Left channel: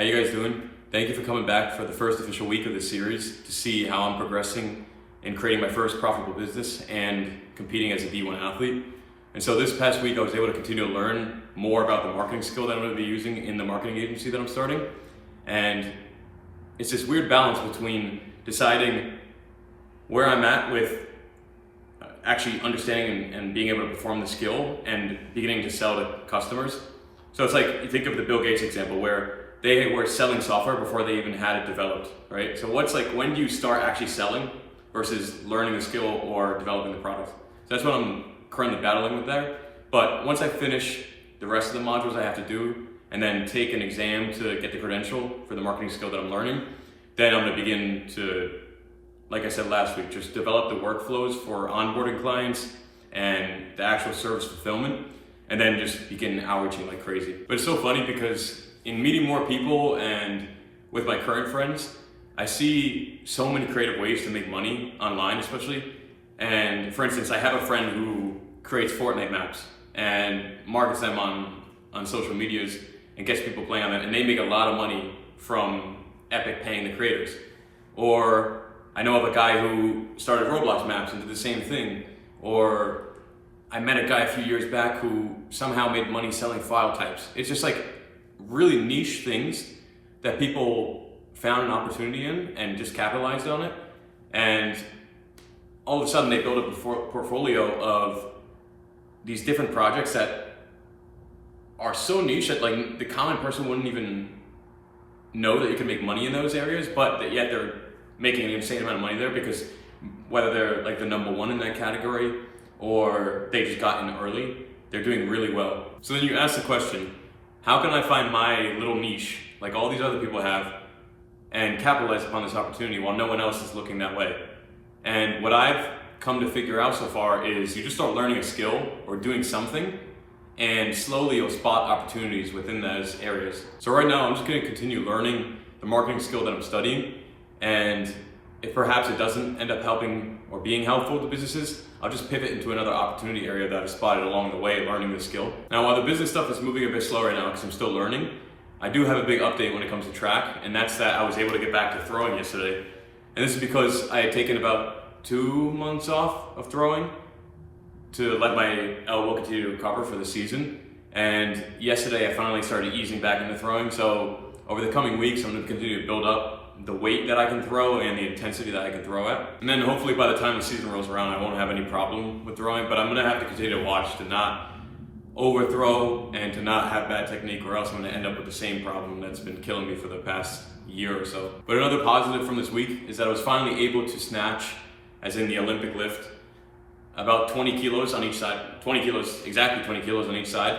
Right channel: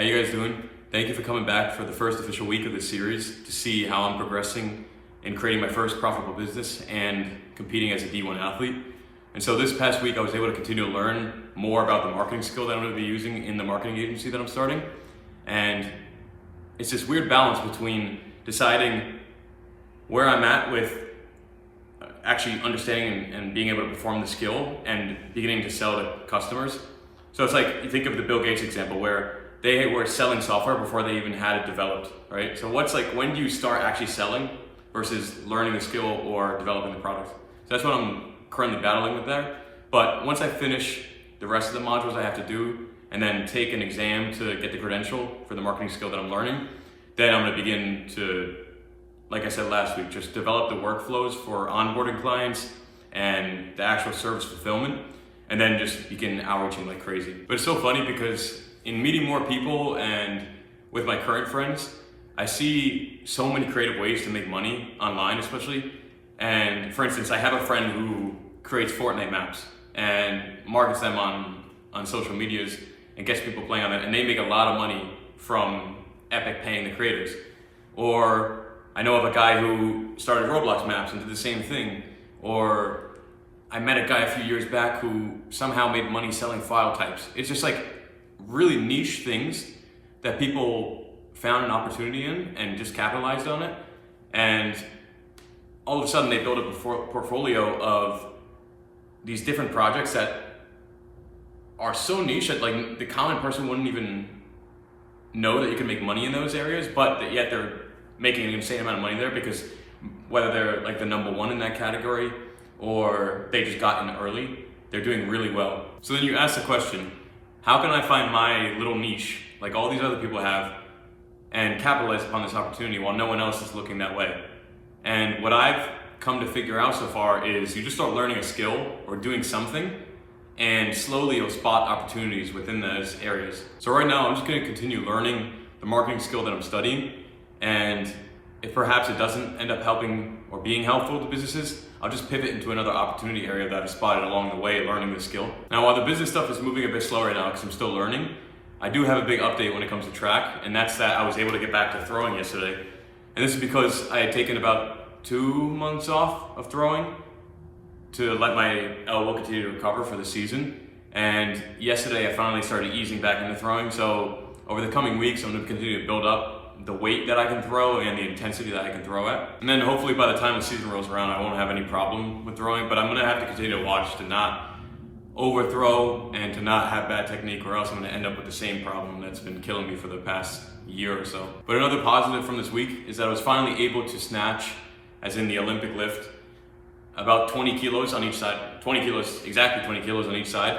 How you guys doing? Thank you for coming back for the first official week of this series to see how I'm progressing in creating my first profitable business and competing as a D1 athlete. And so this past week I was able to continue to learn more about the marketing skill that I'm going to be using in the marketing agency that I'm starting. And it's this weird balance between deciding where I'm at with actually understanding and being able to perform the skill and beginning to sell to customers. So it's like, you think of the Bill Gates example where they were selling software before they even had it developed, right? So when do you start actually selling versus learning the skill or developing the product? So that's what I'm currently battling with there. But once I finish the rest of the modules I have to do and then take an exam to get the credential for the marketing skill that I'm learning, then I'm gonna begin to, like I said last week, just develop the workflows for onboarding clients and the actual service fulfillment, and then just begin outreaching like crazy. But it's so funny because in meeting more people and with my current friends, I see so many creative ways to make money online especially. And for instance, I have a friend who creates Fortnite maps and markets them on social medias and gets people playing on it, and they make a lot of money from Epic paying the creators. Or I know of a guy who started Roblox maps and did the same thing. Or I met a guy a few years back who somehow made money selling file types. It's just like really niche things that people found an opportunity in and just capitalized on it. And all of a sudden they built up a portfolio of these different projects that are so niche that like the common person wouldn't even know that you can make money in those areas, but that yet they're making an insane amount of money there because whether they're like the number one in that category or they just got in early, they're doing really well. So then you ask the question, how can I find my little niche like all these other people have and capitalize upon this opportunity while no one else is looking that way? And what I've come to figure out so far is you just start learning a skill or doing something, and slowly you'll spot opportunities within those areas. So right now I'm just going to continue learning the marketing skill that I'm studying, and if perhaps it doesn't end up helping or being helpful to businesses, I'll just pivot into another opportunity area that I've spotted along the way learning the skill. Now, while the business stuff is moving a bit slow right now because I'm still learning, I do have a big update when it comes to track, and that's that I was able to get back to throwing yesterday. And this is because I had taken about 2 months off of throwing to let my elbow continue to recover for the season. And yesterday I finally started easing back into throwing. So over the coming weeks, I'm gonna continue to build up the weight that I can throw and the intensity that I can throw at. And then hopefully by the time the season rolls around, I won't have any problem with throwing, but I'm gonna have to continue to watch to not overthrow and to not have bad technique, or else I'm gonna end up with the same problem that's been killing me for the past year or so. But another positive from this week is that I was finally able to snatch, as in the Olympic lift, about 20 kilos on each side. 20 kilos, exactly 20 kilos on each side.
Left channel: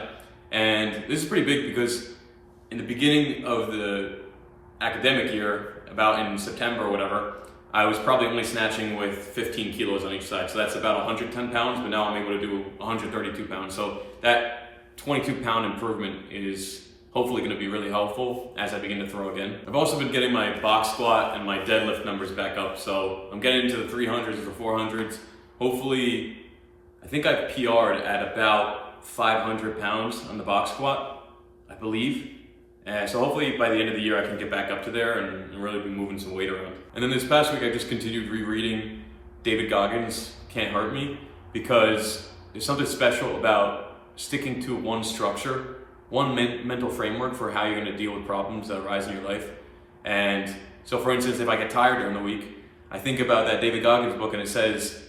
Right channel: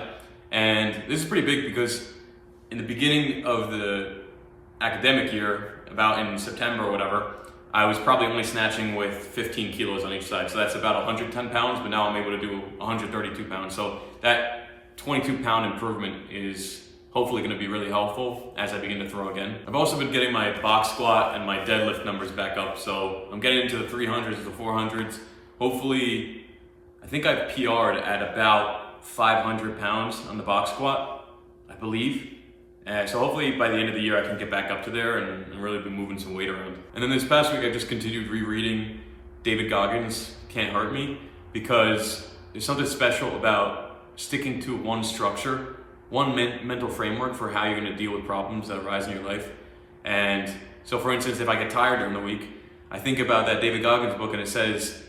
And this is pretty big because in the beginning of the academic year, about in September or whatever, I was probably only snatching with 15 kilos on each side. So that's about 110 pounds, but now I'm able to do 132 pounds. So that 22 pound improvement is hopefully gonna be really helpful as I begin to throw again. I've also been getting my box squat and my deadlift numbers back up. So I'm getting into the 300s, the 400s. Hopefully, I think I've PR'd at about 500 pounds on the box squat, I believe. So hopefully by the end of the year I can get back up to there and really be moving some weight around. And then this past week I just continued rereading David Goggins' Can't Hurt Me, because there's something special about sticking to one structure, one mental framework for how you're going to deal with problems that arise in your life. And so for instance, if I get tired during the week, I think about that David Goggins book, and it says,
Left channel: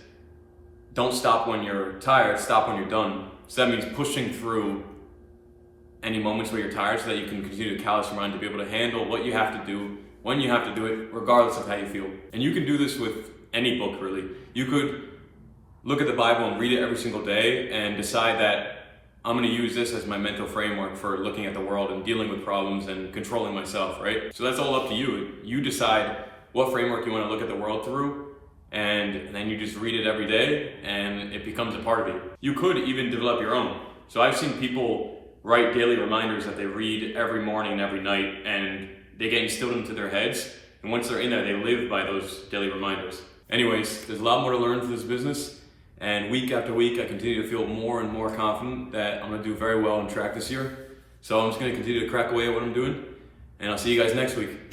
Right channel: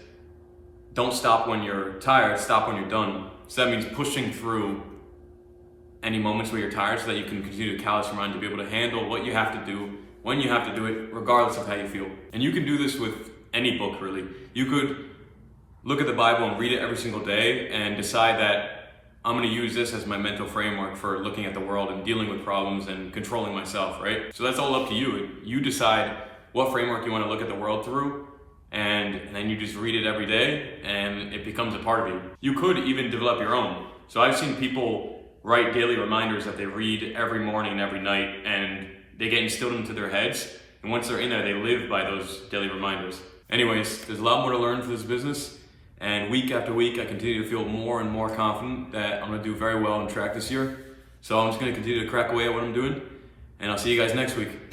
don't stop when you're tired, stop when you're done. So that means pushing through any moments where you're tired so that you can continue to callous your mind to be able to handle what you have to do, when you have to do it, regardless of how you feel. And you can do this with any book, really. You could look at the Bible and read it every single day and decide that I'm gonna use this as my mental framework for looking at the world and dealing with problems and controlling myself, right? So that's all up to you. You decide what framework you wanna look at the world through, and then you just read it every day and it becomes a part of you. You could even develop your own. So I've seen people write daily reminders that they read every morning and every night, and they get instilled into their heads. And once they're in there, they live by those daily reminders. Anyways, there's a lot more to learn for this business. And week after week, I continue to feel more and more confident that I'm gonna do very well in track this year. So I'm just gonna continue to crack away at what I'm doing. and I'll see you guys next week.